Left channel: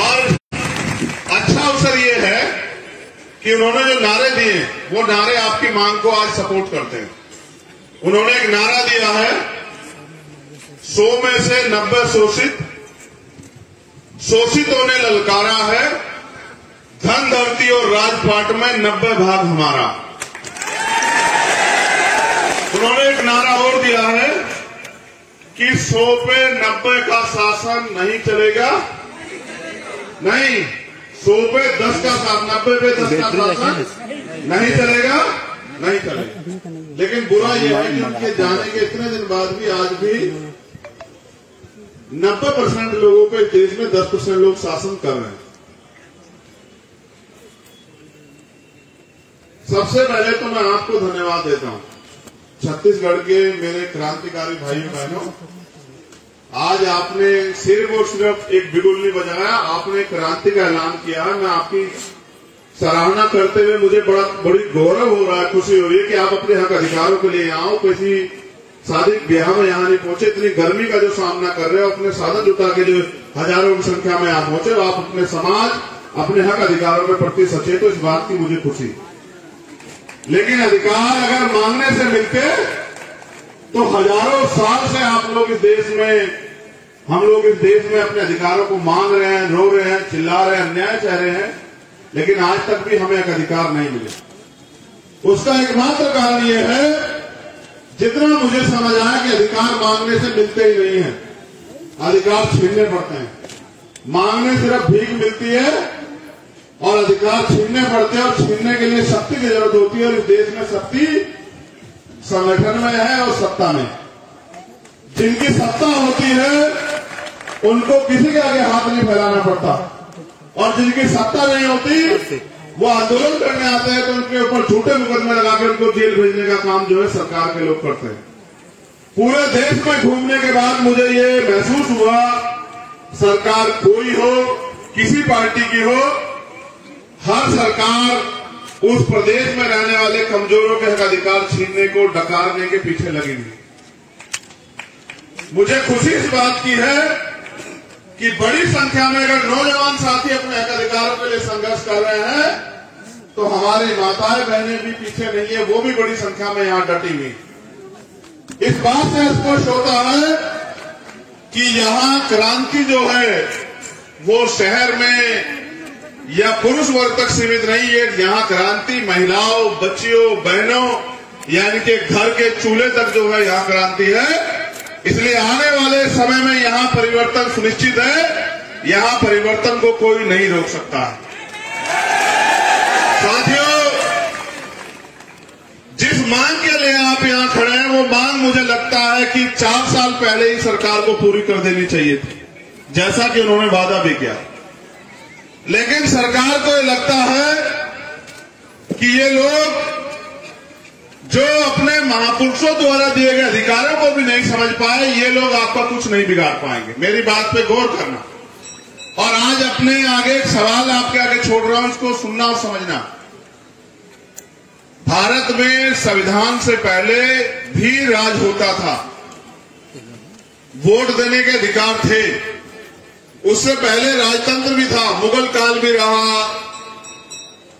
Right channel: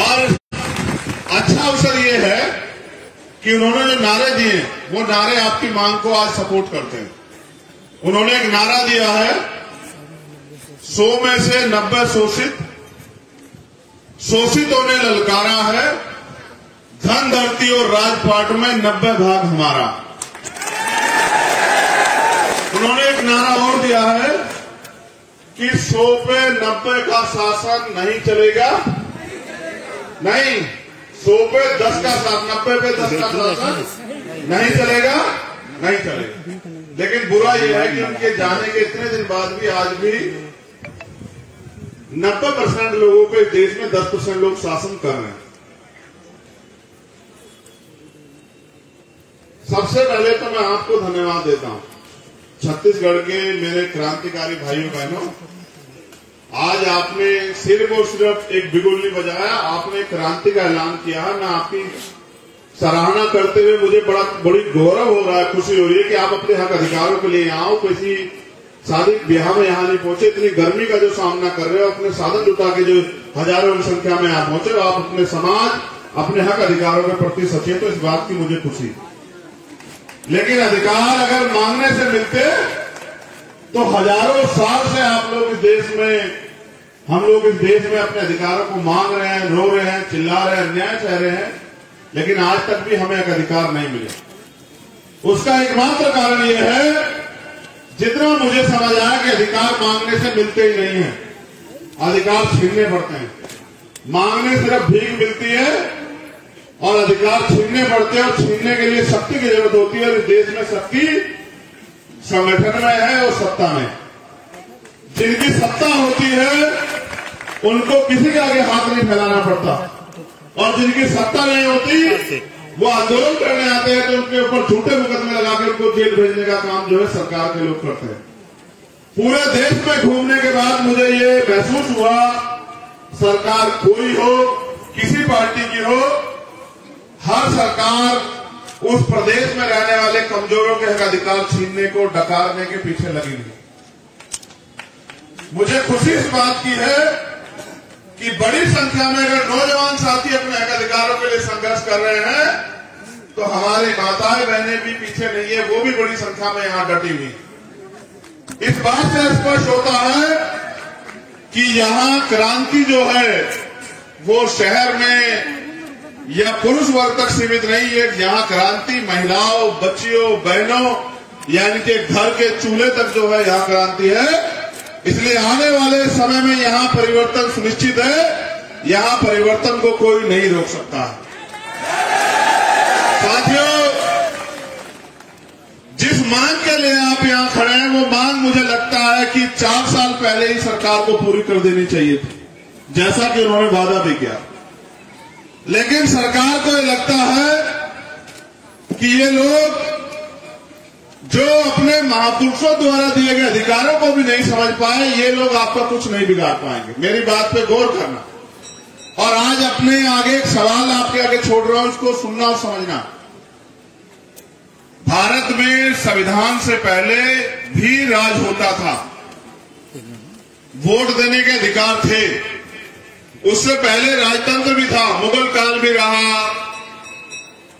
और अच्छा अवसर ये है कि उन्होंने जो नारे दिए वो नारे आपकी मांग को आज सपोर्ट करते हैं। उन्होंने एक नारा दिया है 100 में से 90 शोषितों ने ललकारा है, धन धरती और राजपाट में 90 भाग हमारा। उन्होंने एक नारा और दिया है कि 100 पे 90 का शासन नहीं चलेगा, नहीं 100 पे 10 का शासन, 90 पे 10 का शासन नहीं चलेगा, नहीं चलेगा। लेकिन बुरा यह है कि उनके जाने के इतने दिन बाद भी आज भी 90% लोगों को इस देश में 10% लोग शासन कर रहे हैं। सबसे पहले तो मैं आपको धन्यवाद देता हूं, छत्तीसगढ़ के मेरे क्रांतिकारी भाइयों बहनों। आज आपने सिर्फ और सिर्फ एक बिगुल नहीं बजाया, आपने क्रांति का ऐलान किया है। मैं आपकी सराहना करते हुए मुझे बड़ी गौरव हो रहा है, खुशी हो रही है कि आप अपने हक अधिकारों के लिए यहाँ आओ। किसी शादी ब्याह में यहाँ नहीं पहुंचे, इतनी गर्मी का जो सामना कर रहे हो, अपने साधन जुटा के जो हजारों की संख्या में आप पहुंचे, आप अपने समाज, अपने हक अधिकारों के प्रति सचेत हो, इस बात की मुझे खुशी। लेकिन अधिकार अगर मांगने से मिलते तो हजारों साल से आप लोग इस देश में, हम लोग इस देश में अपने अधिकारों को मांग रहे हैं, रो रहे हैं, चिल्ला रहे हैं, अन्याय सह रहे हैं, लेकिन आज तक भी हमें एक अधिकार नहीं मिले। उसका एकमात्र कारण यह है, जितना मुझे समझ आया कि अधिकार मांगने से मिलते ही नहीं है, अधिकार छीनने पड़ते हैं। मांगने सिर्फ भीख मिलती है और अधिकार छीनने पड़ते हैं, और छीनने के लिए शक्ति की जरूरत होती है। और इस देश में शक्ति संगठन में है और सत्ता में। जिनकी सत्ता होती है उनको किसी के आगे हाथ नहीं फैलाना पड़ता, और जिनकी सत्ता नहीं होती वो आंदोलन करने आते हैं तो उनके ऊपर झूठे मुकदमे लगा के उनको जेल भेजने का काम जो है सरकार के लोग करते हैं। पूरे देश में घूमने के बाद मुझे ये महसूस हुआ, सरकार कोई हो, किसी पार्टी की हो, हर सरकार उस प्रदेश में रहने वाले कमजोरों के हक अधिकार छीनने को डकारने के पीछे लगी हुई। मुझे खुशी इस बात की है कि बड़ी संख्या में अगर नौजवान साथी अपने हक अधिकारों के लिए संघर्ष कर रहे हैं तो हमारी माताएं बहनें भी पीछे नहीं है, वो भी बड़ी संख्या में यहां डटी हुई। इस बात से स्पष्ट होता है कि यहां क्रांति जो है वो शहर में या पुरुष वर्ग तक सीमित नहीं है। यहां क्रांति महिलाओं, बच्चियों, बहनों, यानी कि घर के चूल्हे तक जो है यहां क्रांति है। इसलिए आने वाले समय में यहां परिवर्तन सुनिश्चित है, यहां परिवर्तन को कोई नहीं रोक सकता। साथियों, जिस मांग के लिए आप यहां खड़े हैं वो मांग मुझे लगता है कि 4 साल पहले ही सरकार को पूरी कर देनी चाहिए थी, जैसा कि उन्होंने वादा भी किया। लेकिन सरकार को ये लगता है कि ये लोग जो अपने महापुरुषों द्वारा दिए गए अधिकारों को भी नहीं समझ पाए, ये लोग आपका कुछ नहीं बिगाड़ पाएंगे। मेरी बात पे गौर करना। और आज अपने आगे एक सवाल आपके आगे छोड़ रहा हूं, इसको सुनना और समझना। भारत में संविधान से पहले भी राज होता था, वोट देने के अधिकार थे, उससे पहले राजतंत्र भी था, मुगल काल भी रहा,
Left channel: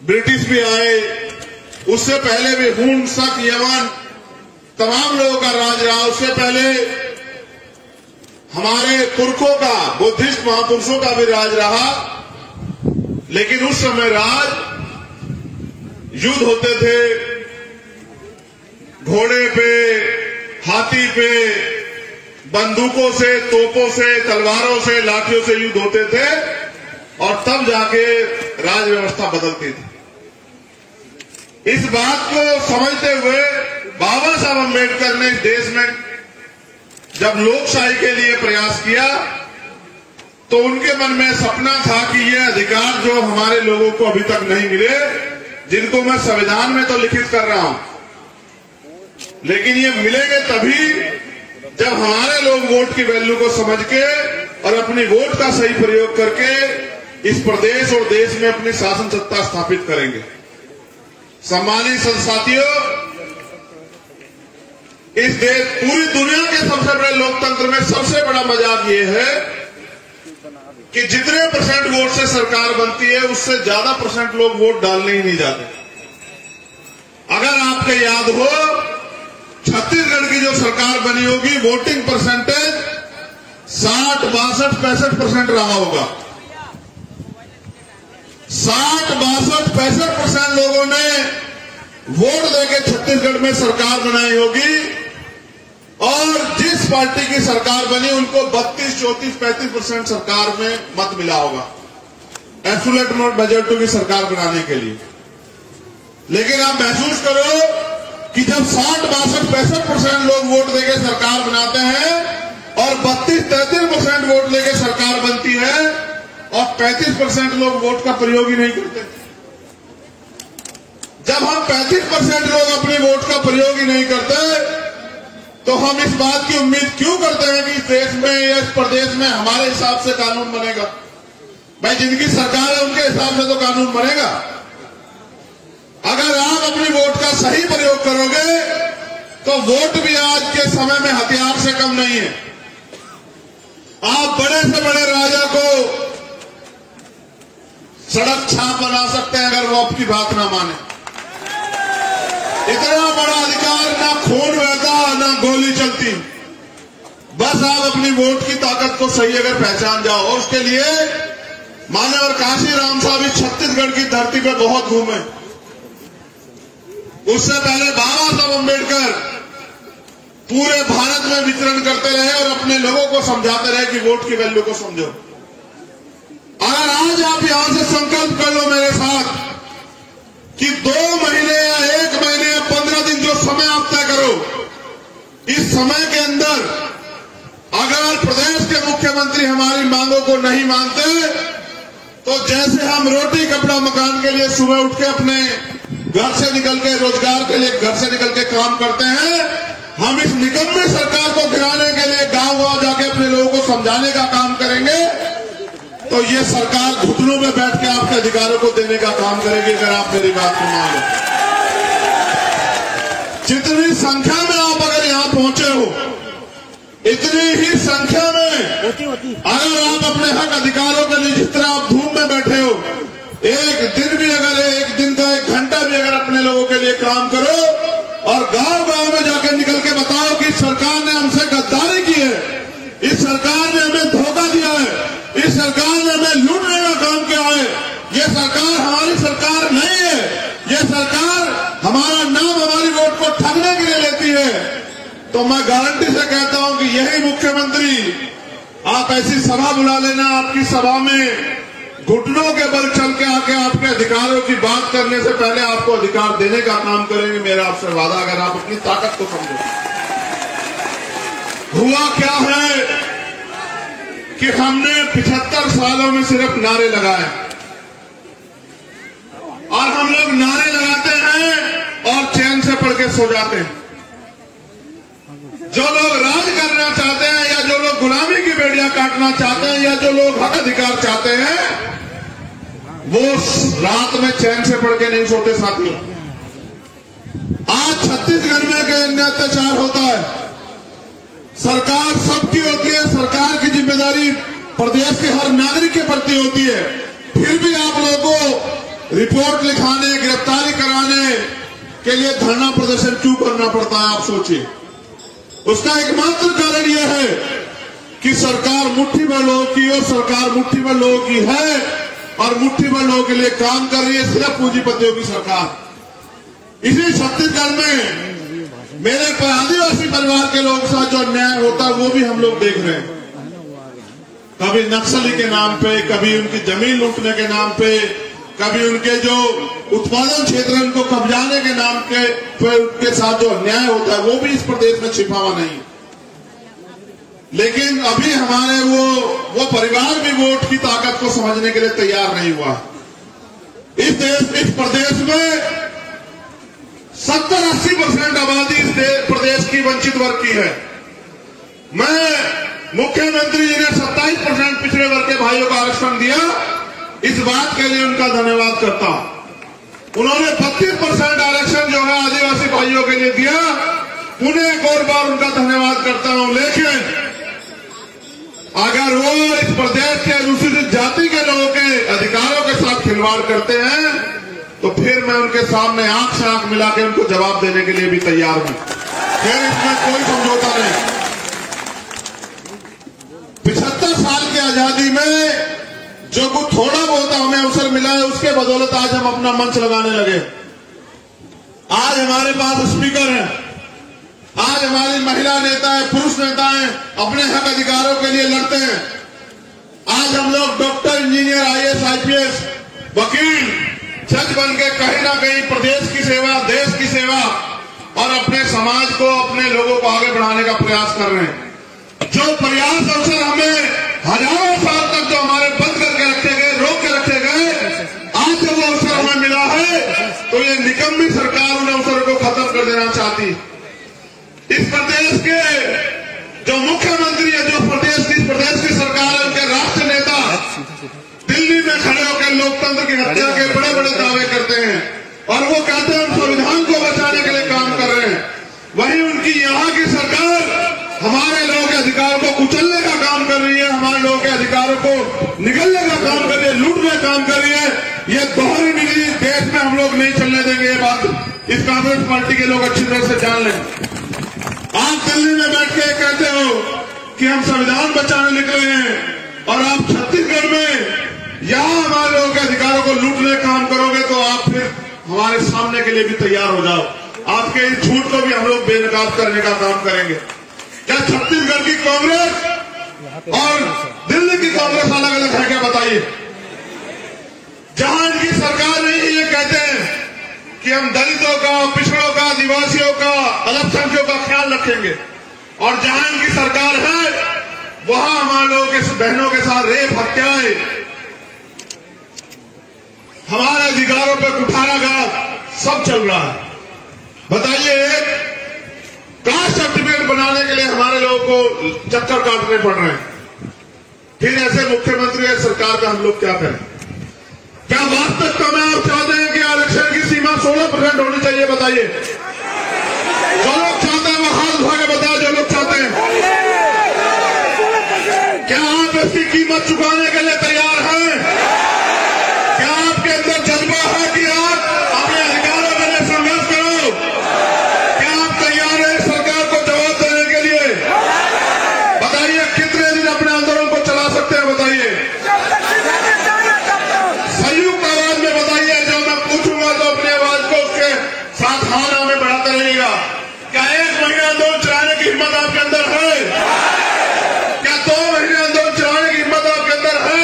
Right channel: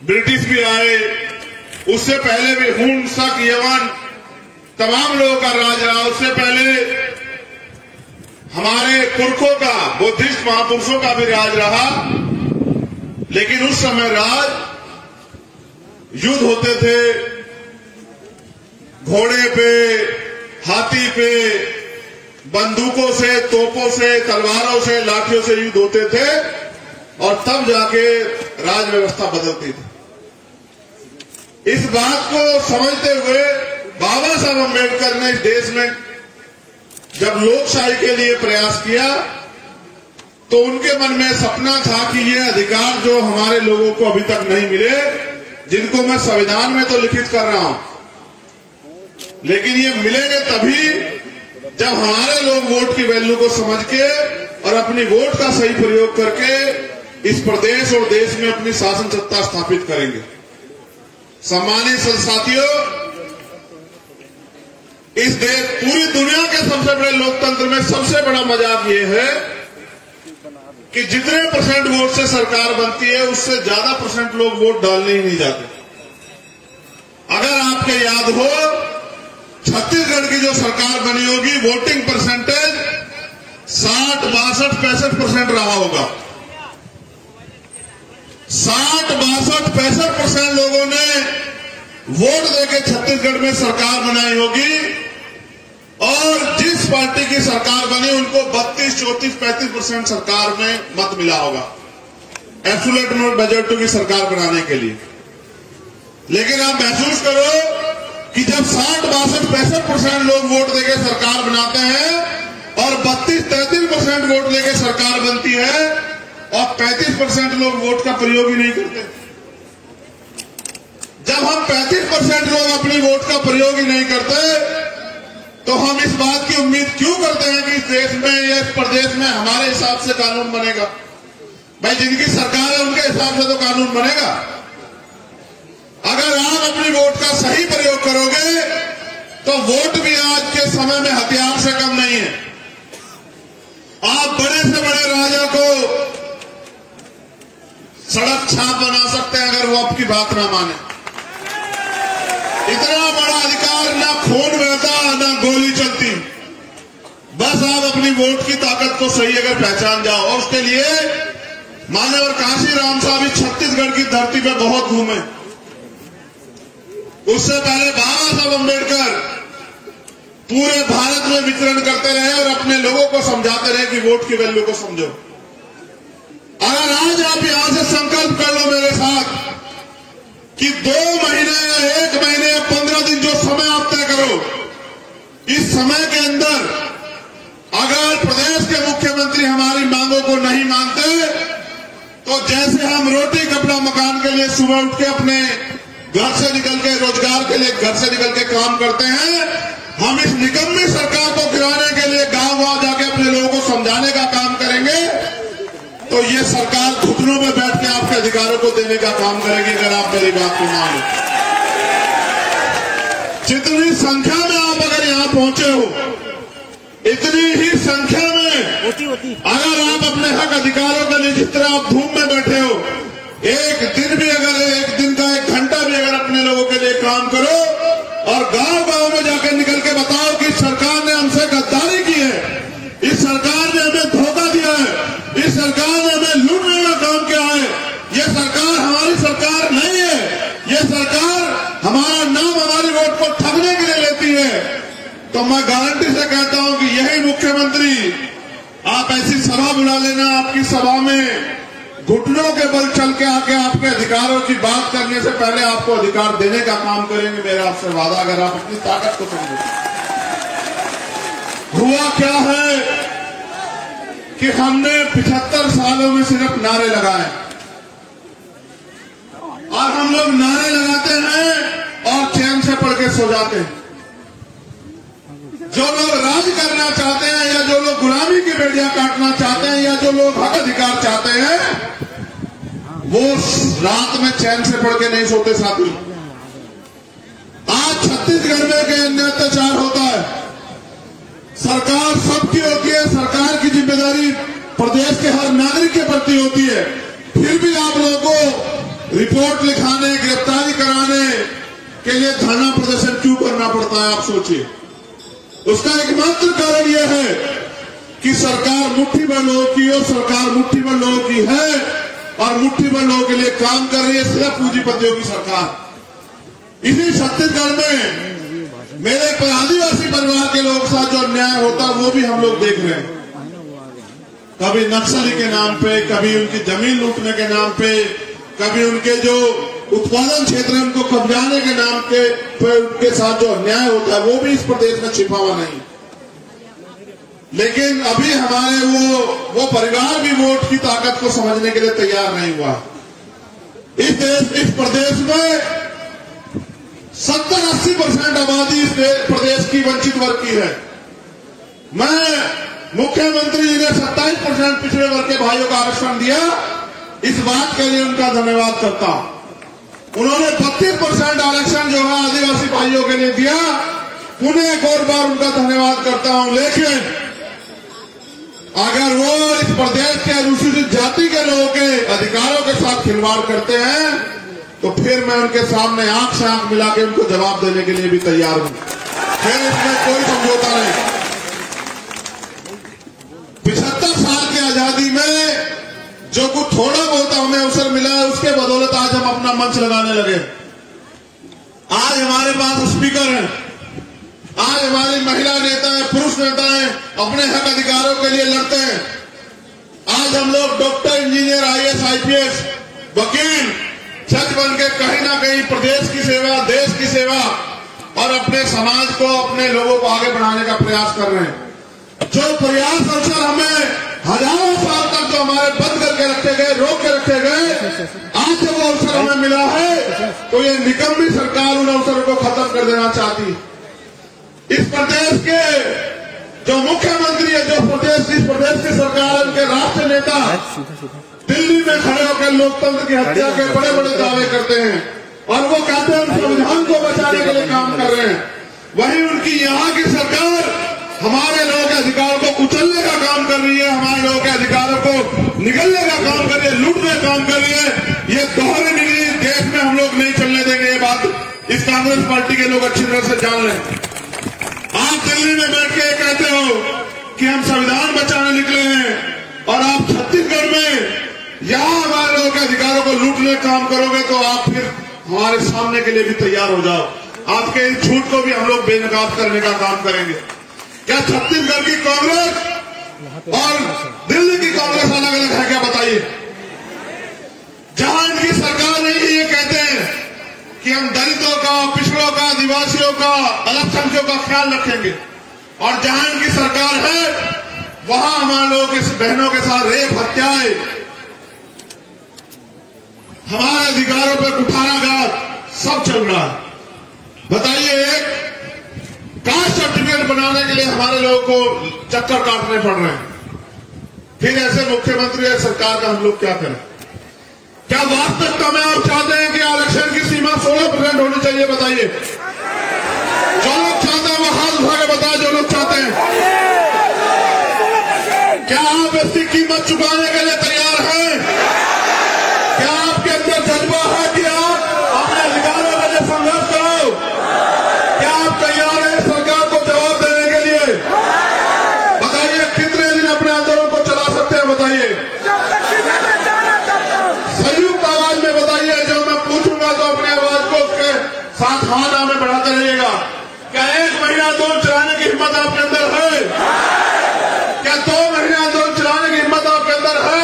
ब्रिटिश भी आए, उससे पहले भी हुन, शक, यमन, तमाम लोगों का राज रहा। उससे पहले हमारे पुरखों का, बुद्धिस्ट महापुरुषों का भी राज रहा। लेकिन उस समय राज, युद्ध होते थे, घोड़े पे, हाथी पे, बंदूकों से, तोपों से, तलवारों से, लाठियों से युद्ध होते थे, और तब जाके राज व्यवस्था बदलती थी। इस बात को समझते हुए बाबा साहब अम्बेडकर ने इस देश में जब लोकशाही के लिए प्रयास किया तो उनके मन में सपना था कि ये अधिकार जो हमारे लोगों को अभी तक नहीं मिले, जिनको मैं संविधान में तो लिखित कर रहा हूं, लेकिन ये मिलेंगे तभी जब हमारे लोग वोट की वैल्यू को समझ के और अपनी वोट का सही प्रयोग करके इस प्रदेश और देश में अपनी शासन सत्ता स्थापित करेंगे। सम्मानित साथियों, इस देश, पूरी दुनिया के सबसे बड़े लोकतंत्र में सबसे बड़ा मजाक ये है कि जितने परसेंट वोट से सरकार बनती है उससे ज्यादा परसेंट लोग वोट डालने ही नहीं जाते। अगर आपको याद हो, छत्तीसगढ़ की जो सरकार बनी होगी, वोटिंग परसेंटेज 60, 62, 65% रहा होगा। 60, 62, 65% लोगों ने वोट देके छत्तीसगढ़ में सरकार बनाई होगी, और जिस पार्टी की सरकार बनी उनको 32, 34, 35% सरकार में मत मिला होगा एब्सोल्यूट मेजॉरिटी की सरकार बनाने के लिए। लेकिन आप महसूस करो कि जब 60, 62, 65% लोग वोट देके सरकार बनाते हैं और 32, 33% वोट लेके सरकार बनती है और 35% लोग वोट का प्रयोग ही नहीं करते। जब हम 35% लोग अपने वोट का प्रयोग ही नहीं करते तो हम इस बात की उम्मीद क्यों करते हैं कि इस देश में या इस प्रदेश में हमारे हिसाब से कानून बनेगा? भाई, जिनकी सरकार है उनके हिसाब से तो कानून बनेगा। अगर आप अपनी वोट का सही प्रयोग करोगे तो वोट भी आज के समय में हथियार से कम नहीं है। आप बड़े से बड़े राजा को सड़क छाप बना सकते हैं अगर वो आपकी बात ना माने। इतना बड़ा अधिकार, ना खून बहता ना गोली चलती। बस आप अपनी वोट की ताकत को सही अगर पहचान जाओ। और उसके लिए माननीय काशी राम साहब इस छत्तीसगढ़ की धरती पर बहुत घूमे। उससे पहले बाबा साहब अम्बेडकर पूरे भारत में विचरण करते रहे और अपने लोगों को समझाते रहे कि वोट की वैल्यू को समझो। अगर आज आप यहां से संकल्प कर लो मेरे साथ कि 2 महीने या 1 महीने या 15 दिन जो समय आप तय करो, इस समय के अंदर अगर प्रदेश के मुख्यमंत्री हमारी मांगों को नहीं मानते तो जैसे हम रोटी कपड़ा मकान के लिए सुबह उठ के अपने घर से निकल के रोजगार के लिए घर से निकल के काम करते हैं, हम इस निकम्मी सरकार को गिराने के लिए गांव-गांव जाके अपने लोगों को समझाने का काम करेंगे तो ये सरकार घुटनों में बैठ के आपके अधिकारों को देने का काम करेगी। अगर आप मेरी बात को मान लो, जितनी संख्या में आप अगर यहां पहुंचे हो, इतनी ही संख्या में अगर आप अपने हक अधिकारों के लिए जिस तरह आप धूम में बैठे हो, एक दिन भी अगर 1 दिन का 1 घंटा भी अगर अपने लोगों के लिए काम करो और गांव-गांव में जाकर निकल के बताओ कि सरकार ने हमसे गद्दारी की है, इस सरकार ने हमें धोखा दिया है, इस सरकार ने हमें लूटने का काम किया है, ये सरकार हमारी सरकार नहीं है, ये सरकार हमारा नाम हमारी वोट को ठगने के लिए लेती है, तो मैं गारंटी से कहता हूं कि यही मुख्यमंत्री, आप ऐसी सभा बुला लेना, आपकी सभा में घुटनों के बल चल के आके आपके अधिकारों की बात करने से पहले आपको अधिकार देने का काम करेंगे। मेरा आपसे वादा, अगर आप अपनी ताकत को समझो। हुआ क्या है कि हमने 75 सालों में सिर्फ नारे लगाए और हम लोग नारे लगाते हैं और चैन से पढ़ के सो जाते हैं। जो लोग राज करना चाहते हैं या जो लोग गुलामी की बेड़ियां काटना चाहते हैं या जो लोग हक अधिकार चाहते हैं वो रात में चैन से पढ़ के नहीं सोते साथियों। आज छत्तीसगढ़ में अन्य अत्याचार होता है, सरकार सबकी होती है, सरकार की जिम्मेदारी प्रदेश के हर नागरिक के प्रति होती है, फिर भी आप लोगों को रिपोर्ट लिखाने, गिरफ्तारी कराने के लिए धरना प्रदर्शन क्यों करना पड़ता है? आप सोचिए। उसका एकमात्र कारण यह है कि सरकार मुट्ठी भर लोगों की और सरकार मुट्ठी भर लोगों की है और मुट्ठी भर लोगों के लिए काम कर रही है, सिर्फ पूंजीपतियों की सरकार। इसी छत्तीसगढ़ में मेरे आदिवासी परिवार के लोगों के साथ जो अन्याय होता है वो भी हम लोग देख रहे हैं। कभी नक्सली के नाम पे, कभी उनकी जमीन लूटने के नाम पे, कभी उनके जो उत्पादन क्षेत्र है उनको कब्जाने के नाम पे उनके साथ जो अन्याय होता है वो भी इस प्रदेश में छिपा हुआ नहीं। लेकिन अभी हमारे वो परिवार भी वोट की ताकत को समझने के लिए तैयार नहीं हुआ। इस प्रदेश में 70-80% आबादी इस प्रदेश की वंचित वर्ग की है। मैं मुख्यमंत्री जी ने 27% पिछड़े वर्ग के भाइयों को आरक्षण दिया, इस बात के लिए उनका धन्यवाद करता हूं। उन्होंने 32% आरक्षण जो है आदिवासी भाइयों के लिए दिया, उन्हें एक और बार उनका धन्यवाद करता हूं। लेकिन अगर वो इस प्रदेश के अनुसूचित जाति के लोगों के अधिकारों के साथ खिलवाड़ करते हैं तो फिर मैं उनके सामने आंख से आंख मिला के उनको जवाब देने के लिए भी तैयार हूं। फिर इसमें कोई समझौता नहीं। 75 साल की आजादी में जो कुछ थोड़ा बहुत हमें अवसर मिला है उसके बदौलत आज हम अपना मंच लगाने लगे। आज हमारे पास स्पीकर हैं, आज हमारी महिला नेता है, पुरुष नेता है, अपने हक अधिकारों के लिए लड़ते हैं। आज हम लोग डॉक्टर, इंजीनियर, आईएएस, आईपीएस, वकील, जज बन के कहीं ना कहीं प्रदेश की सेवा, देश की सेवा और अपने समाज को, अपने लोगों को आगे बढ़ाने का प्रयास कर रहे हैं। जो प्रयास अवसर हमें हजारों साल तक जो हमारे बंद करके रखे गए, रोक के रखे गए, आज जब वो अवसर हमें मिला है तो ये निकम्मी सरकार उन अवसरों को खत्म कर देना चाहती। इस प्रदेश के जो मुख्यमंत्री है, जो प्रदेश की सरकार, उनके राष्ट्र नेता दिल्ली में खड़े होकर लोकतंत्र की हत्या के बड़े बड़े दावे करते हैं और वो कहते हैं हम संविधान को बचाने के लिए काम कर रहे हैं। वहीं उनकी यहाँ की सरकार हमारे लोगों के अधिकारों को कुचलने का काम कर रही है, हमारे लोगों के अधिकारों को निगलने का काम कर रही है, लूटने का काम कर रही है। ये दोहरी नीति देश में हम लोग नहीं चलने देंगे। ये बात इस कांग्रेस पार्टी के लोग अच्छी तरह से जान लें। आज दिल्ली में बैठ के कहते हो कि हम संविधान बचाने निकले हैं और आप छत्तीसगढ़ में यहां हमारे लोगों के अधिकारों को लूटने का काम करोगे तो आप फिर हमारे सामने के लिए भी तैयार हो जाओ। आपके इस झूठ को भी हम लोग बेनकाब करने का काम करेंगे। क्या छत्तीसगढ़ की कांग्रेस और दिल्ली की कांग्रेस अलग अलग है क्या? बताइए। जहां इनकी सरकार नहीं, ये कहते हैं कि हम दलितों का, पिछड़ों का, आदिवासियों का, अल्पसंख्यकों का ख्याल रखेंगे, और जहां इनकी सरकार है वहां हमारे लोगों के बहनों के साथ रेप, हत्याएं, हमारे अधिकारों पर कुठाराघात सब चल रहा है। बताइए, कास्ट सर्टिफिकेट बनाने के लिए हमारे लोगों को चक्कर काटने पड़ रहे हैं। फिर ऐसे मुख्यमंत्री या सरकार का हम लोग क्या करें? क्या वास्तविकता में आप चाहते हैं कि आरक्षण की सीमा 16% होनी चाहिए? बताइए। जो लोग चाहते हैं वो हाथ उठा के बताए, जो लोग चाहते हैं। क्या आप इसकी कीमत चुकाने के लिए तैयार हैं? क्या आपके अंदर जज्बा है कि आप अपने अधिकारों के लिए संघर्ष करो? क्या आप तैयार हैं सरकार को जवाब देने के लिए? बताइए, कितने दिन अपने आंदोलन को चला सकते हैं? बताइए। संयुक्त आवाज में बताइए। जब मैं पूछूंगा तो अपनी आवाज को उसके साथ हाथ में बढ़ाते रहिएगा। क्या 1 महीना आंदोलन चलाने की हिम्मत आपके अंदर है? क्या 2 महीने आंदोलन चलाने की हिम्मत आपके अंदर है?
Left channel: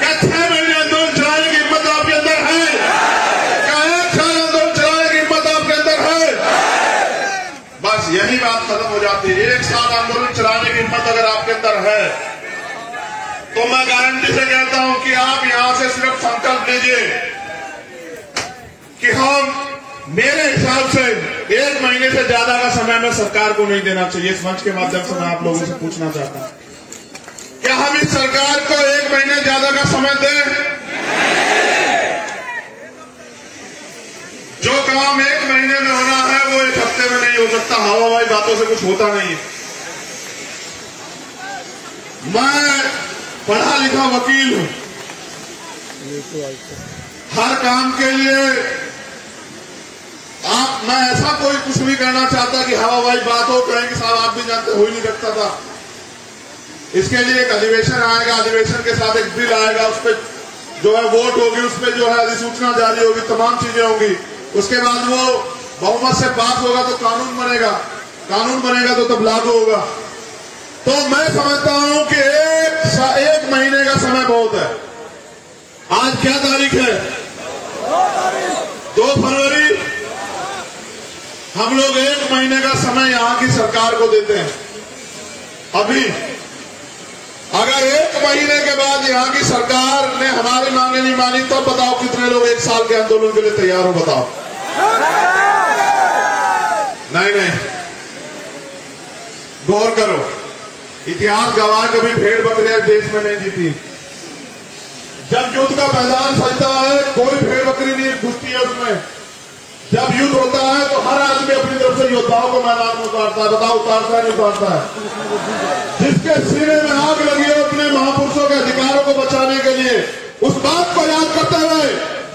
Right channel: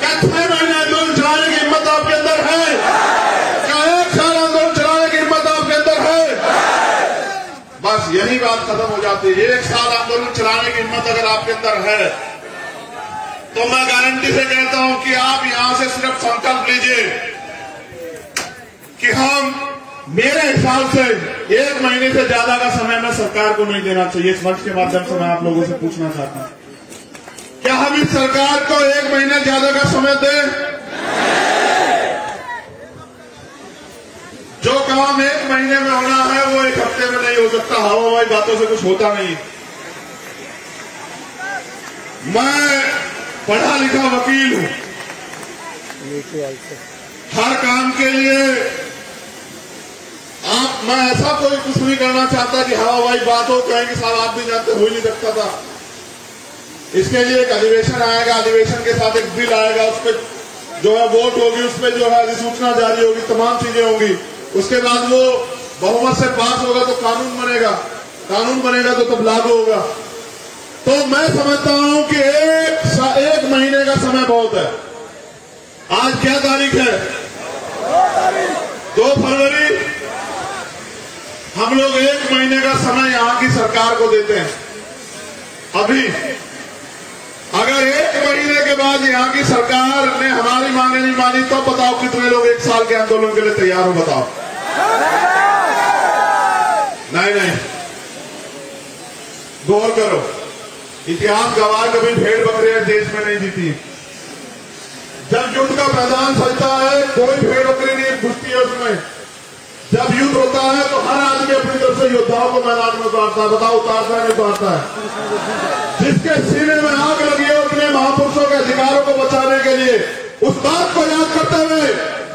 क्या 6 महीने आंदोलन चलाने की हिम्मत आपके अंदर है? क्या 1 साल आंदोलन चलाने की हिम्मत आपके अंदर है? बस यही बात खत्म हो जाती है। 1 साल आंदोलन चलाने की हिम्मत अगर आपके अंदर है तो मैं गारंटी से कहता हूं कि आप यहां से सिर्फ संकल्प लीजिए कि हम, मेरे हिसाब से 1 महीने से ज्यादा का समय मैं सरकार को नहीं देना चाहिए। इस मंच के माध्यम से मैं आप लोगों से पूछना चाहता हूं, क्या हम इस सरकार को 1 महीने ज्यादा का समय दें? जो काम 1 महीने में होना है वो 1 हफ्ते में नहीं हो सकता। हवाई बातों से कुछ होता नहीं। मैं पढ़ा लिखा वकील हूं। हर काम के लिए मैं ऐसा कोई कुछ नहीं करना चाहता कि हवाई बात हो, कहेंगे साहब आप भी जानते, हो ही नहीं सकता था। इसके लिए एक अधिवेशन आएगा, अधिवेशन के साथ एक बिल आएगा, उस पर जो है वोट होगी, उस पर जो है अधिसूचना जारी होगी, तमाम चीजें होंगी। उसके बाद वो बहुमत से पास होगा तो कानून बनेगा, कानून बनेगा तो तब लागू होगा। तो मैं समझता हूं कि 1 महीने का समय बहुत है। आज क्या तारीख है? 2 फरवरी। हम लोग 1 महीने का समय यहां की सरकार को देते हैं। अभी अगर 1 महीने के बाद यहां की सरकार ने हमारी मांगे नहीं मानी तो बताओ कितने लोग 1 साल के आंदोलन के लिए तैयार हो? बताओ। नहीं, गौर करो। इतिहास गवाह कभी भेड़ बकरियां देश में नहीं जीती। जब युद्ध का मैदान सजता है कोई भेड़ बकरी नहीं घुसती है उसमें। जब युद्ध होता है तो हर आदमी अपनी तरफ से योद्धाओं को मैदान में उतारता है। बताओ उतारता है नहीं उतारता है? जिसके सीने में आग लगी है अपने महापुरुषों के अधिकारों को बचाने के लिए, उस बात को याद करते हुए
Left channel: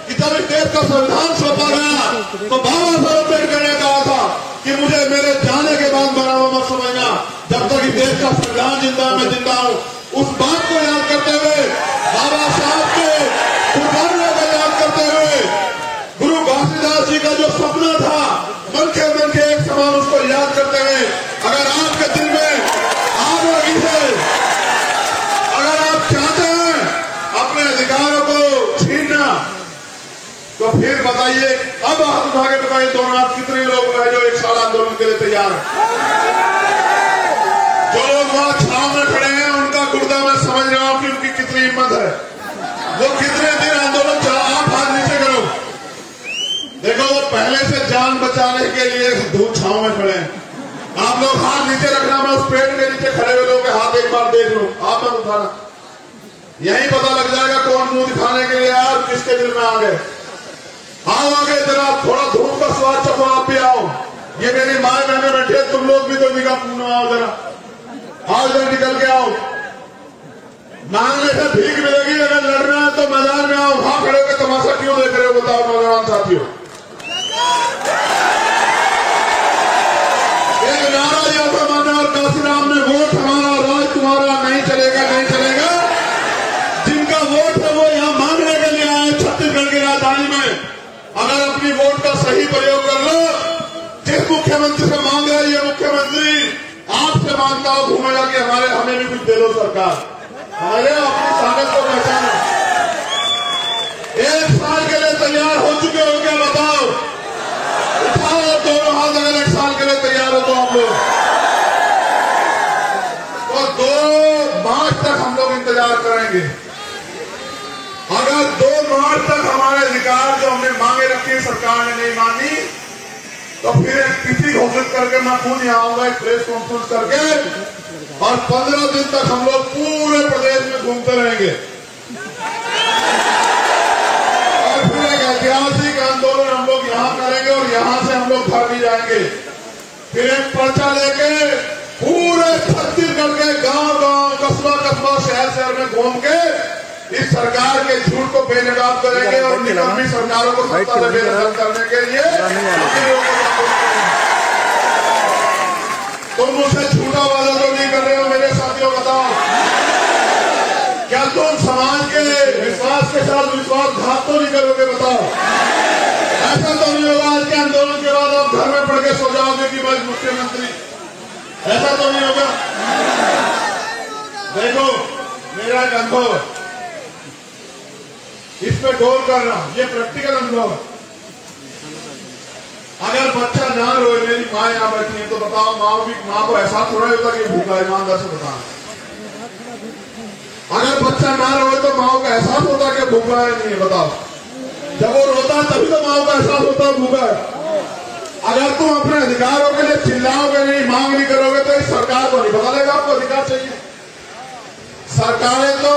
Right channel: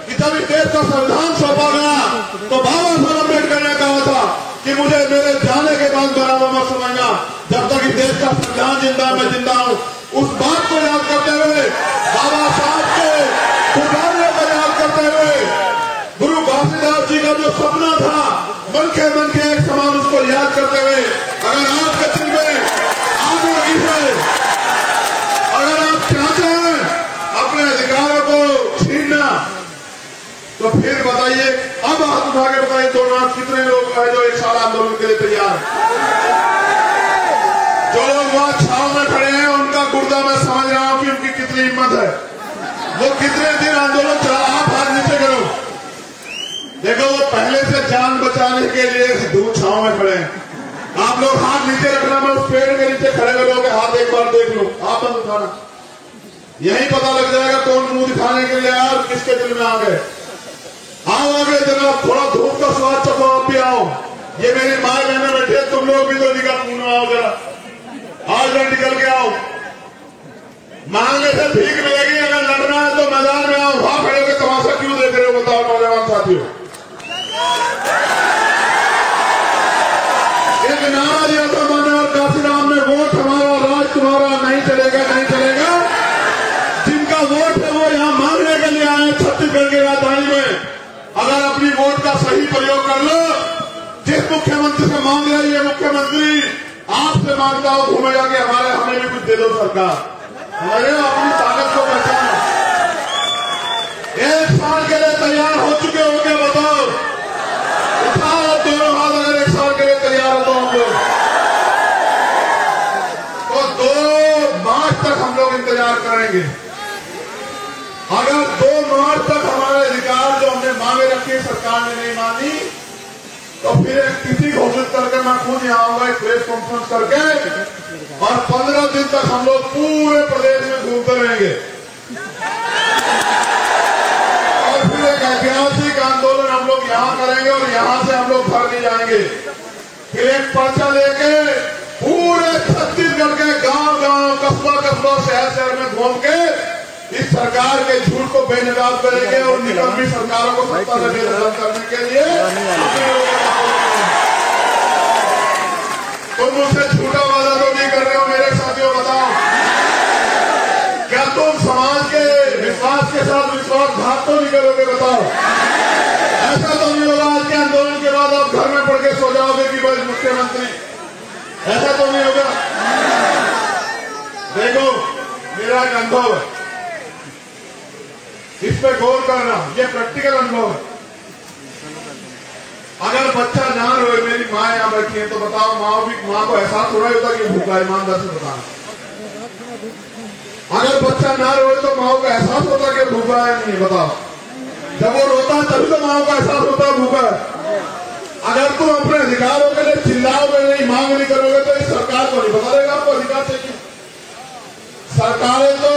कि जब इस देश का संविधान सौंपा गया तो बाबा साहब अम्बेडकर ने कहा था कि मुझे मेरे जाने के बाद बराबर मत समझना, जब तक इस देश का संविधान जिंदा मैं जिंदा हूं। उस बात को याद करते हुए, बाबा साहब के कुर्बानियों को याद करते हुए, गुरु घासीदास जी का जो सपना था मन के एक समान, उसको याद करते हुए, अगर आपके दिल में आग लगी है, अगर आप चाहते हैं अपने अधिकारों को छीनना, तो फिर बताइए, अब हाथ उठा के बताइए दोनों आप कितने लोग हैं जो एक साल आंदोलन के लिए तैयार हैं? जो लोग वहां छाव में खड़े हैं उनका गुर्दा मैं समझ रहा हूं कि उनकी कितनी हिम्मत है, वो कितने दिन आंदोलन चला। आप हाथ नीचे करो, देखो वो पहले से जान बचाने के लिए धूप छाव में खड़े हैं। आप लोग हाथ नीचे रखना, मैं उस पेड़ के नीचे खड़े हुए लोगों के हाथ एक बार देख लो, आप मत उठाना, यही पता लग जाएगा कौन मुंह दिखाने के लिए यार किसके दिल में आ गए। आओ आगे जरा, थोड़ा धूप का स्वाद चखो, आप भी आओ। ये मेरी मां कहने बैठे, तुम लोग भी तो निकाह में आओ जरा, आओ जरा निकल के आओ। मांगने से भीख मिलेगी, अगर लड़ना है तो मैदान में आओ। वहां खड़े होकर तमाशा क्यों देख रहे हो बताओ नौजवान साथियों? एक नारा दिया था मैंने और काशीराम में, वोट हमारा राज तुम्हारा, नहीं चलेगा नहीं चलेगा। जिनका वोट है वो यहां मांगने के लिए आए छत्तीसगढ़ की राजधानी में। अगर अपनी वोट का सही प्रयोग कर लो, जिस मुख्यमंत्री से मांग रहा है ये मुख्यमंत्री आपसे मांगता हो घूमेगा कि हमें भी कुछ दे दो सरकार, हमारे अपनी ताकत को पहचाने। एक साल के लिए तैयार हो चुके हो क्या बताओ? उठाओ दोनों हाथ, अगर एक साल के लिए तैयार हो तो हम लोग, तो 2 मार्च तक हम लोग इंतजार करेंगे। अगर 2 मार्च तक हमारे अधिकार जो हमने मांगे रखी सरकार ने नहीं मानी, तो फिर एक तिथि घोषित करके मैं खुद यहाँ आऊंगा एक प्रेस कॉन्फ्रेंस करके, और 15 दिन तक हम लोग पूरे प्रदेश में घूमते रहेंगे। और फिर एक ऐतिहासिक आंदोलन हम लोग यहाँ करेंगे और यहाँ से हम लोग घर भी जाएंगे। फिर एक पर्चा लेके पूरे छत्तीसगढ़ के गांव-गांव, कस्बा-कस्बा, शहर में घूम के इस सरकार के झूठ को बेनकाब करेंगे और निकम्मी सरकारों को सत्ता से बेदखल करने के लिए तुम मुझसे झूठा वादा तो नहीं कर रहे हो मेरे साथियों? बताओ, क्या तुम समाज के विश्वास के साथ विश्वासघात तो नहीं करोगे? बताओ, ऐसा तो नहीं होगा आज के आंदोलन के बाद आप घर में पड़ के सो जाओगे कि बस मुख्यमंत्री, ऐसा तो नहीं होगा? देखो मेरा एक अनुभव है, इस पे गौर करना, ये प्रैक्टिकल अनुभव है। अगर बच्चा ना रोए, मेरी माँ यहाँ बैठी है, तो बताओ माँ को एहसास हो रहा होता कि भूखा, ईमानदार से बताना। अगर बच्चा ना रोए तो माँ को एहसास होता कि भूखा है नहीं है? बताओ, जब वो रोता है तभी तो माँ को एहसास होता है भूखा है। अगर तुम अपने अधिकारों के लिए चिल्लाओगे नहीं, मांग नहीं करोगे, तो इस सरकार को नहीं बता देगा आपको अधिकार चाहिए। सरकारें तो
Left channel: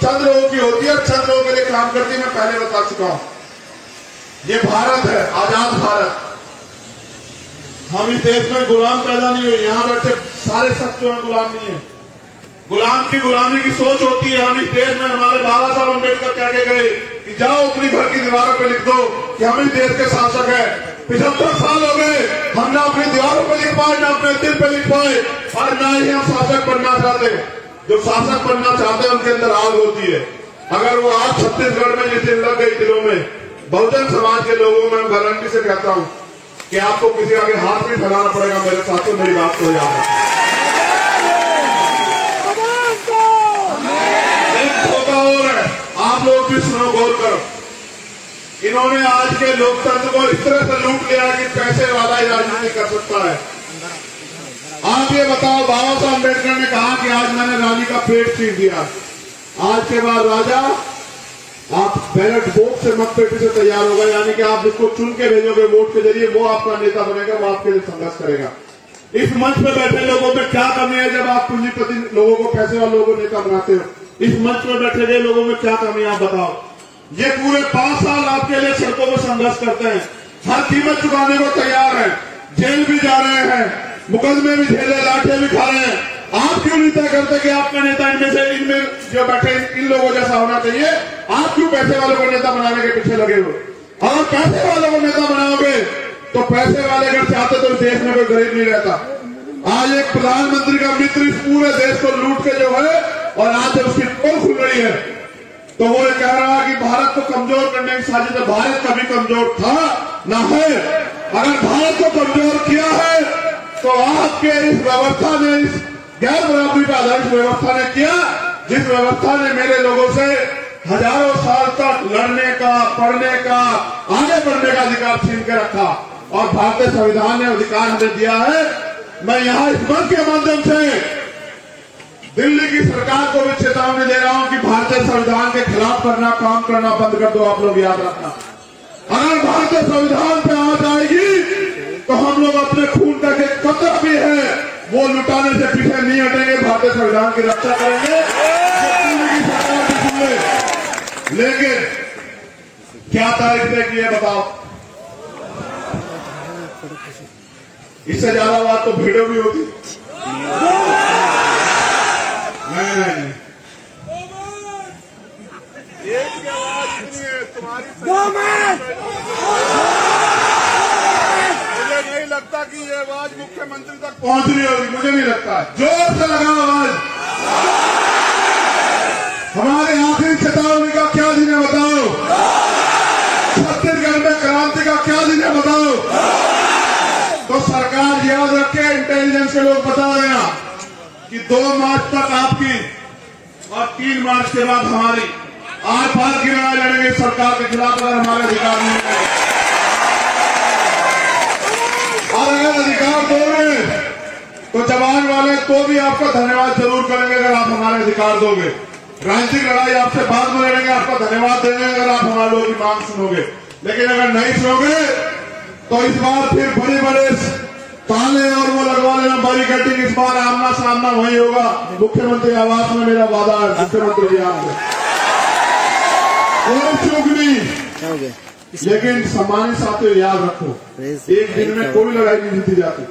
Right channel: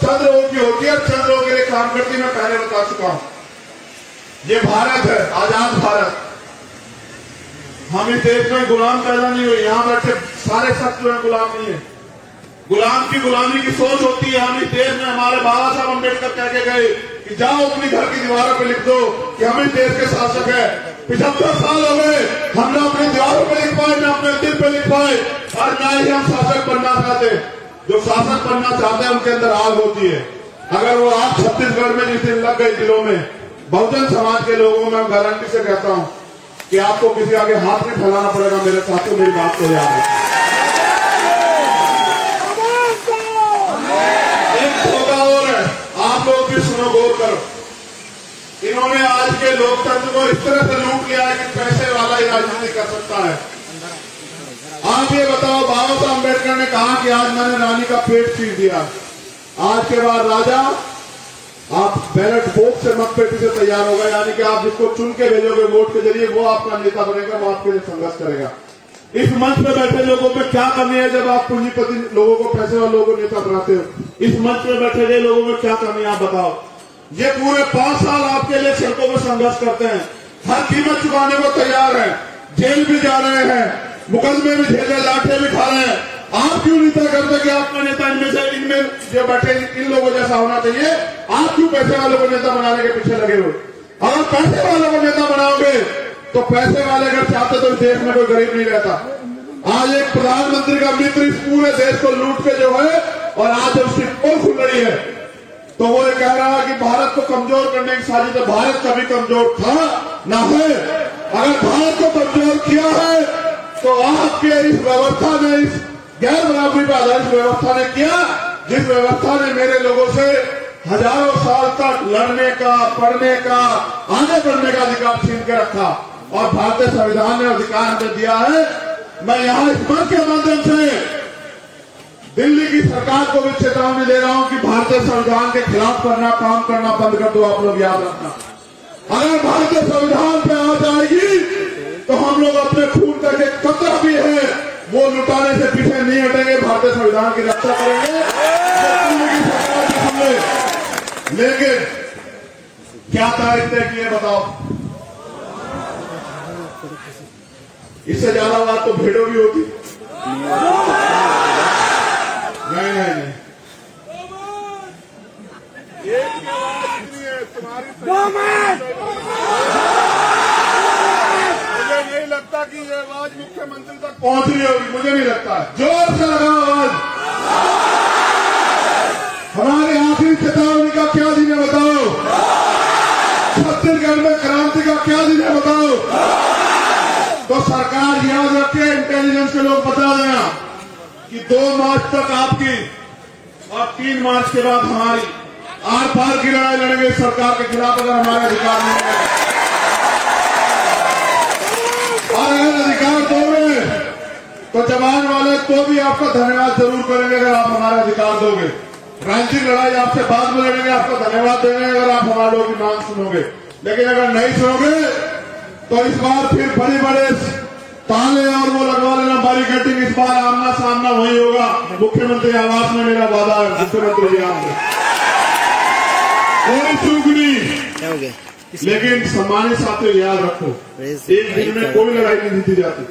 चंद लोगों की होती है, चंद लोगों के लिए काम करती, मैं पहले बता चुका हूं। ये भारत है, आजाद भारत। हम इस देश में गुलाम पैदा नहीं हुए, यहां बैठे सारे शख्स जो है गुलाम नहीं है। गुलाम की गुलामी की सोच होती है। हम इस देश में, हमारे बाबा साहब अम्बेडकर कह के गए कि जाओ अपनी घर की दीवारों पर लिख दो कि हम इस देश के शासक है। 75 साल हो गए, हम ना अपनी दीवारों पर लिख पाए, ना अपने दिल पर लिख पाए, और ना ही हम शासक बनना चाहते। जो शासक बनना चाहते हैं उनके अंदर आग होती है। अगर वो आग छत्तीसगढ़ में जिस दिन लग गई दिलों में, बहुजन समाज के लोगों को मैं गारंटी से कहता हूं कि आपको किसी आगे हाथ नहीं फैलाना पड़ेगा। मेरे साथियों, मेरी बात को याद रखें। एक धोखा और है, आप लोग भी सुनो, गौर करो। इन्होंने आज के लोकतंत्र को इस तरह से लूट लिया कि पैसे वाला ही राजनीति कर सकता है। आप ये बताओ, बाबा साहब अम्बेडकर ने कहा कि आज मैंने रानी का पेट चीर दिया, आज के बाद राजा आप बैलेट बॉक्स से मतपेटी से तैयार होगा, यानी कि आप जिसको चुन के भेजोगे वोट के जरिए, वो आपका नेता बनेगा, वो आपके लिए संघर्ष करेगा। इस मंच पे बैठे लोगों में क्या कमी है जब आप पूंजीपति लोगों को, पैसे वाले लोगों को नेता बनाते हो? इस मंच पे बैठे गए लोगों में क्या कमी है आप बताओ? ये पूरे 5 साल आपके लिए सड़कों पर संघर्ष करते हैं, हर कीमत चुकाने को तैयार है, जेल भी जा रहे हैं, मुकदमे भी झेले, लाठियां भी खा रहे हैं। आप क्यों नहीं तय करते कि आपका नेता इनमें जो बैठे इन लोगों जैसा होना चाहिए? आप क्यों पैसे वालों को नेता बनाने के पीछे लगे हो? और पैसे वालों को नेता बनाओगे तो पैसे वाले अगर चाहते तो देश में कोई गरीब नहीं रहता। आज एक प्रधानमंत्री का मित्र इस पूरे देश को लूट के जो है, और आज जब उसकी पोल खुल रही है तो वो ये कह रहा है कि भारत को कमजोर करने की साजिश है। भारत कभी कमजोर था ना है। अगर भारत को कमजोर किया है तो आपके इस व्यवस्था ने, इस गैर बराबरी पर आधारित व्यवस्था ने किया, जिस व्यवस्था ने मेरे लोगों से हजारों साल तक लड़ने का, पढ़ने का, आगे बढ़ने का अधिकार छीन के रखा। और भारतीय संविधान ने अधिकार हमें दिया है। मैं यहां इस मंच के माध्यम से दिल्ली की सरकार को भी चेतावनी दे रहा हूं कि भारतीय संविधान के खिलाफ काम करना बंद कर दो। आप लोग याद रखना, अगर भारतीय संविधान पे आ जाएगी तो हम लोग अपने खून का एक कतरा भी है वो लुटाने से पीछे नहीं हटेंगे। भारतीय संविधान की रक्षा करेंगे। दिल्ली की सरकार की सुन ले, लेकिन क्या तारीख तय की है बताओ? इससे ज्यादा बात तो वीडियो भी होती। नहीं, एक की आवाज इतनी है तुम्हारी। मुझे नहीं लगता कि ये आवाज मुख्यमंत्री तक पहुंच रही होगी, मुझे नहीं लगता। जोर से लगा आवाज। हमारे आखिरी चेतावनी का क्या दिन है बताओ? छत्तीसगढ़ में क्रांति का क्या दिन है बताओ? तो सरकार याद रखे, इंटेलिजेंस के लोग बता देना कि 2 मार्च तक आपकी और 3 मार्च के बाद हमारी आर पार की लड़ाई लड़ेंगे सरकार के खिलाफ अगर हमारे अधिकार नहीं मिलेंगे। और अगर अधिकार दोगे तो जवान वाले तो भी आपका धन्यवाद जरूर करेंगे अगर आप हमारे अधिकार दोगे। राजनीतिक लड़ाई आपसे बाद में लड़ेंगे, आपका धन्यवाद देंगे अगर आप हमारे लोगों की मांग सुनोगे। लेकिन अगर नहीं सुनोगे तो इस बार फिर बड़े बड़े ताले और वो लगवा लेना, बैरिकेडिंग। इस बार आमना सामना वही होगा। मुख्यमंत्री आवास में मेरा वादा है, मुख्यमंत्री जी आपसे कोई चूक नहीं। लेकिन सम्मानित साथियों याद रखो, एक दिन में कोई लड़ाई नहीं जीती जाती।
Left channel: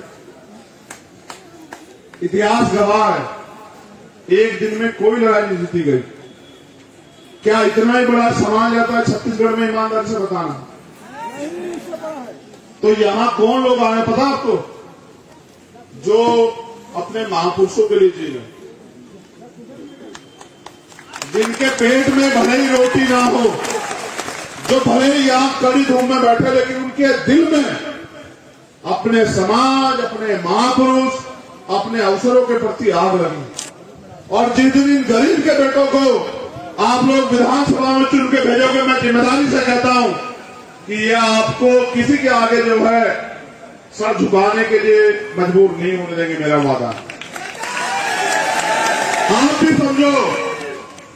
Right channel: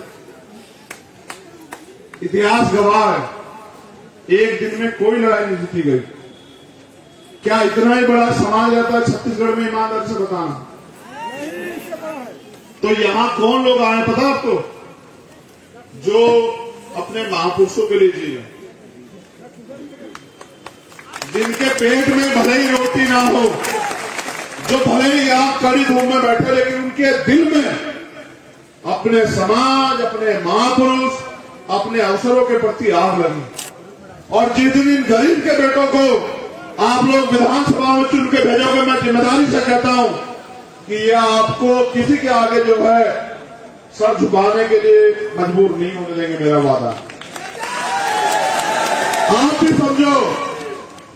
इतिहास गवाह है, एक दिन में कोई लड़ाई नहीं जीती गई। क्या इतना ही बड़ा समाज रहता है छत्तीसगढ़ में? ईमानदारी से बताना। तो यहां कौन लोग आए पता आपको? जो अपने महापुरुषों के लिए जिए, जिनके पेट में भले ही रोटी ना हो, जो भले ही यहां कड़ी धूप में बैठे, लेकिन उनके दिल में अपने समाज, अपने महापुरुष, अपने अवसरों के प्रति आग लगी। और जिस दिन इन गरीब के बेटों को आप लोग विधानसभा में चुन के भेजोगे, मैं जिम्मेदारी से कहता हूं कि यह आपको किसी के आगे जो है सर झुकाने के लिए मजबूर नहीं होने देंगे, मेरा वादा। आप भी समझो,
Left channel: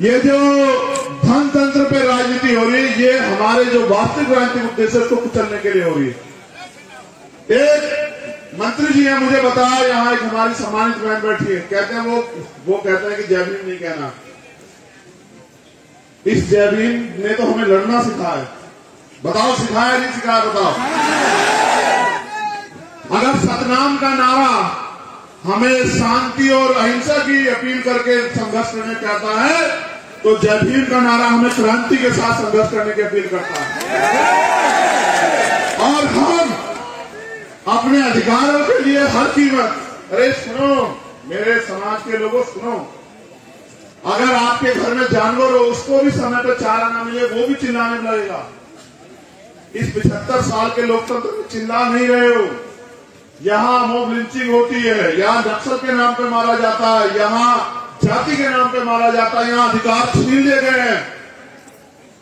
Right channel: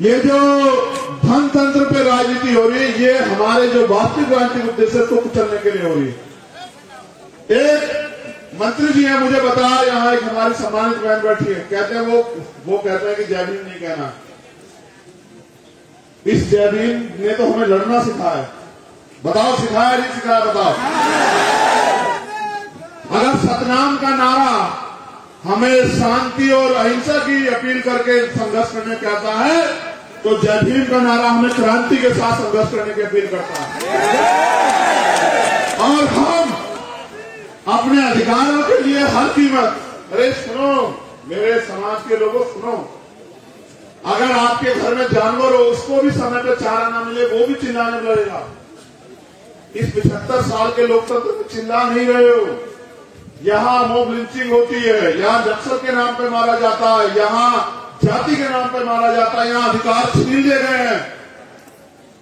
ये जो धन तंत्र पे राजनीति हो रही है, ये हमारे जो वास्तविक राजनीतिक उद्देश्य को कुचलने के लिए हो रही है। एक मंत्री जी है, मुझे बताया, यहाँ एक हमारी सम्मानित बहन बैठी है, कहते हैं वो कहते हैं कि जय भीम नहीं कहना। इस जय भीम ने तो हमें लड़ना सिखाया। बताओ सिखाया नहीं सिखाया? बताओ। अगर सतनाम का नारा हमें शांति और अहिंसा की अपील करके संघर्ष करने कहता है, तो जय भीम का नारा हमें क्रांति के साथ संघर्ष करने की अपील करता है। और हम अपने अधिकारों के लिए हर कीमत, अरे सुनो मेरे समाज के लोगों, सुनो, अगर आपके घर में जानवर हो, उसको भी समय पर चारा न मिले, वो भी चिल्लाने लगेगा। इस 75 साल के लोकतंत्र में चिल्ला नहीं रहे हो। यहाँ मॉब लिंचिंग होती है, यहाँ नक्सल के नाम पे मारा जाता है, यहाँ जाति के नाम पे मारा जाता है, यहाँ अधिकार छीन लिए गए हैं।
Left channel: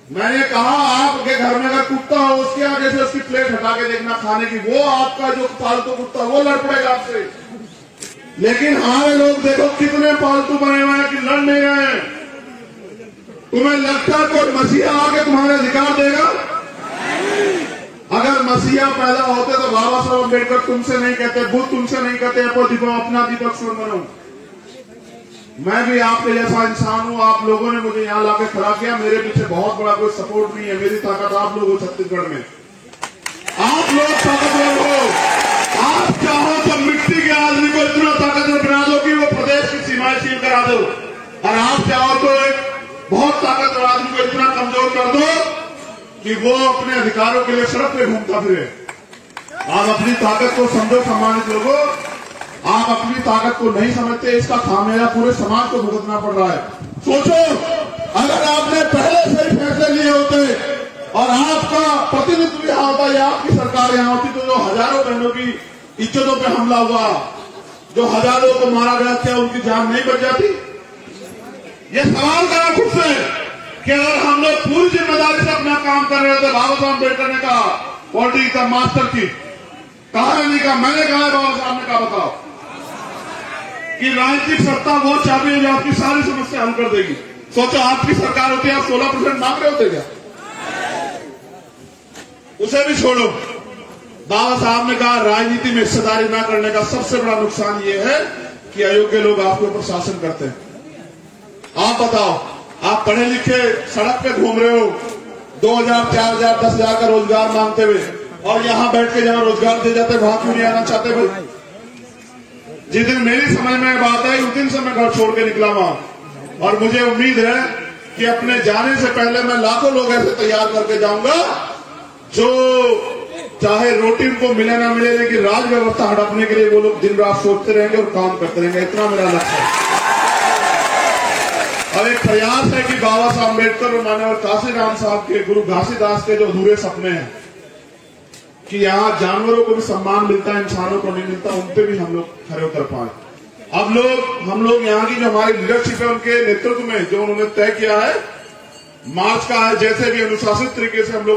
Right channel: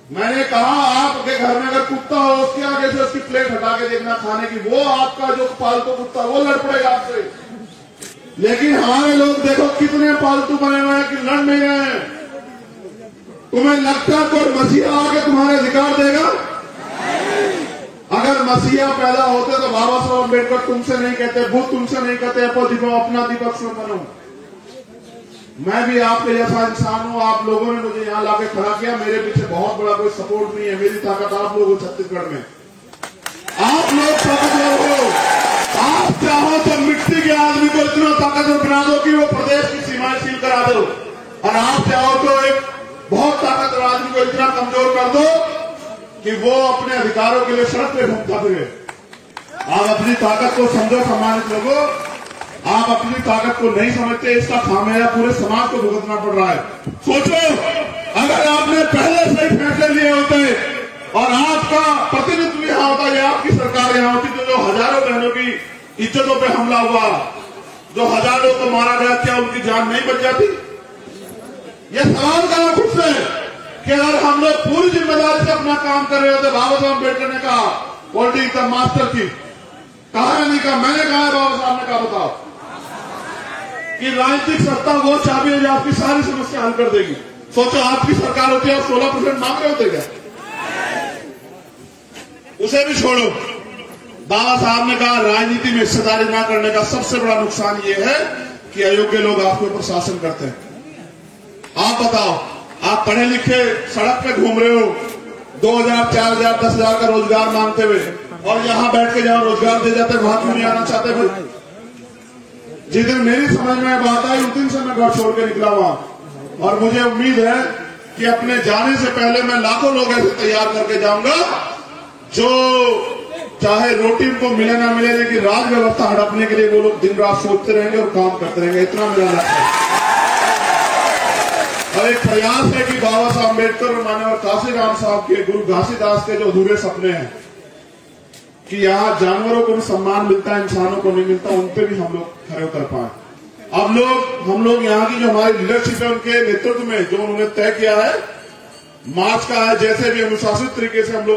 मैंने कहा आपके घर में अगर कुत्ता हो, उसके आगे से उसकी प्लेट हटा के देखना खाने की, वो आपका जो पालतू कुत्ता वो लड़ पड़ेगा आपसे। लेकिन हमारे लोग देखो कितने पालतू बने हुए हैं कि लड़ नहीं रहे हैं। तुम्हें लगता है कोई मसीहा आके तुम्हारे अधिकार देगा? अगर मसीहा पैदा होते तो बाबा साहब अम्बेडकर तुमसे नहीं कहते, बुद्ध तुमसे नहीं कहते, अपना दीपक सुर बनो। मैं भी आपके जैसा इंसान हूं। आप लोगों ने मुझे यहां लाके खड़ा किया, मेरे पीछे बहुत बड़ा कोई सपोर्ट नहीं है। मेरी ताकत आप लोगों छत्तीसगढ़ में आप लोग ताकतवर हो। आप चाहो तो मिट्टी के आदमी को इतना ताकतवर बना दो कि वो प्रदेश की सीमाएं सील करा दो, और आप चाहो तो एक बहुत ताकतवर आदमी को इतना कमजोर कर दो कि वो अपने अधिकारों के लिए सड़क पे घूमता फिरे। आप अपनी ताकत को समझो सम्मानित लोगों, आप अपनी ताकत को नहीं समझते, इसका खामियाजा पूरे समाज को भुगतना पड़ रहा है। सोचो, अगर आपने पहले से ही फैसले लिए होते और आपका प्रतिनिधित्व यहाँ होता या आपकी सरकार यहाँ होती, तो जो हजारों बहनों की इज्जतों पे हमला हुआ, जो हजारों को मारा गया, क्या उनकी जान नहीं बच जाती? ये सवाल करा खुद से कि अगर हम लोग पूरी जिम्मेदारी से अपना काम कर रहे होते। बाबा साहब अम्बेडकर ने कहा पॉलिटिक्स द मास्टर की, कहा नहीं कहा, मैंने कहा, बाबा साहब ने कहा, बताओ कि राजनीतिक सत्ता वो चाबी है जो आपकी सारी समस्या हल कर देगी। सोचो आपकी सरकार होती है, आप 16% मांग रहे होते क्या? उसे भी छोड़ो। बाबा साहब ने कहा राजनीति में हिस्सेदारी न करने का सबसे बड़ा नुकसान ये है कि अयोग्य लोग आपके ऊपर शासन करते हैं। आप बताओ, आप पढ़े लिखे सड़क पे घूम रहे हो 2000, 4000, 10,000 का रोजगार मांगते हुए, और यहां बैठ के जहां रोजगार दे जाते वहां क्यों नहीं आना चाहते भाई? जिस दिन मेरी समझ में बात आई उस दिन से मैं घर छोड़ के निकला वहां, और मुझे उम्मीद है कि अपने जाने से पहले मैं लाखों लोग ऐसे तैयार करके जाऊंगा जो चाहे रोटी उनको मिले ना मिले, लेकिन राज व्यवस्था हड़पने के लिए वो लोग दिन रात सोचते रहेंगे और काम करते रहेंगे। इतना मेरा लक्ष्य है। और एक प्रयास है कि बाबा साहब अम्बेडकर और माननीय काशीराम साहब के, गुरु घासीदास के जो अधूरे सपने हैं कि यहाँ जानवरों को भी सम्मान मिलता है, इंसानों को नहीं मिलता, उन पे भी हम लोग खड़े उतर पाए। अब हम लोग यहाँ की जो हमारी लीडरशिप है उनके नेतृत्व में जो उन्होंने तय किया है, मार्च का है, जैसे भी अनुशासित तरीके से हम लोग